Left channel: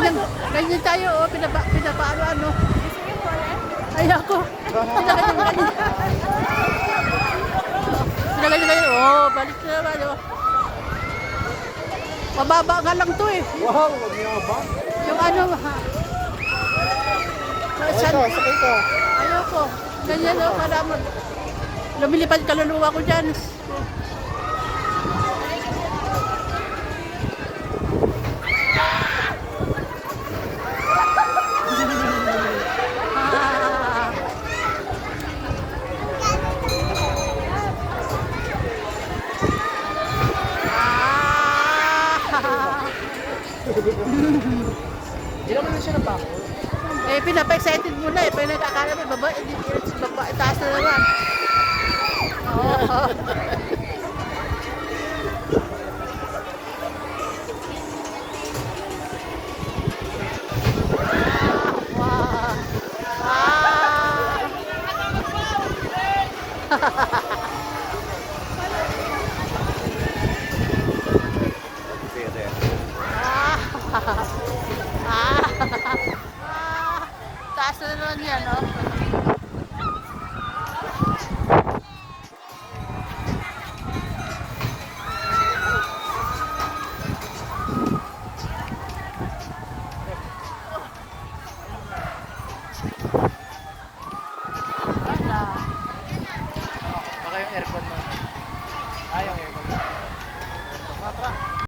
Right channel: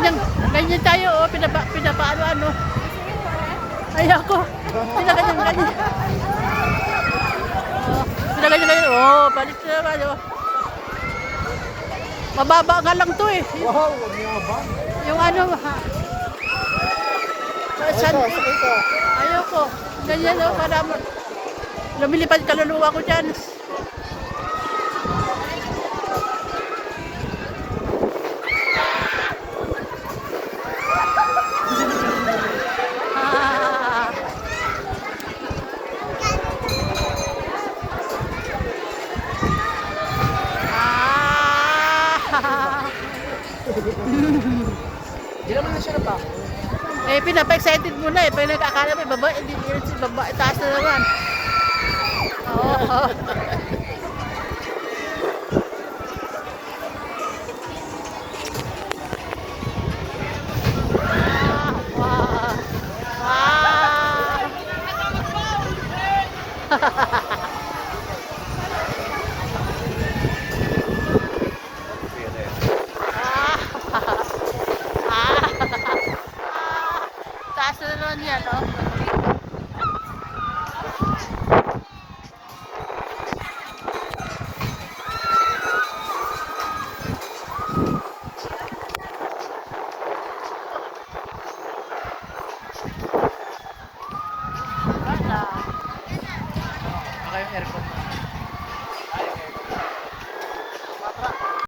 Ganyan, ganyan tayo, oh, pinapaano, ano. Ayoko. Ganyan, oh, balik na naman, oh. Mababa nga lang to eh. Wow, ang yabang. Yung ano, ha. Sakay ka. Ayoko. Ganyan, oh, para mo. Lumilipad kaluluwa ko dyan. Ah. Ah. Hindi naman na siya napako. Eh, pinapa-excited muna eh. Pinag-akala may babae, hindi si babae, taas na naman. Oo. Wow. Taas na naman yan, no?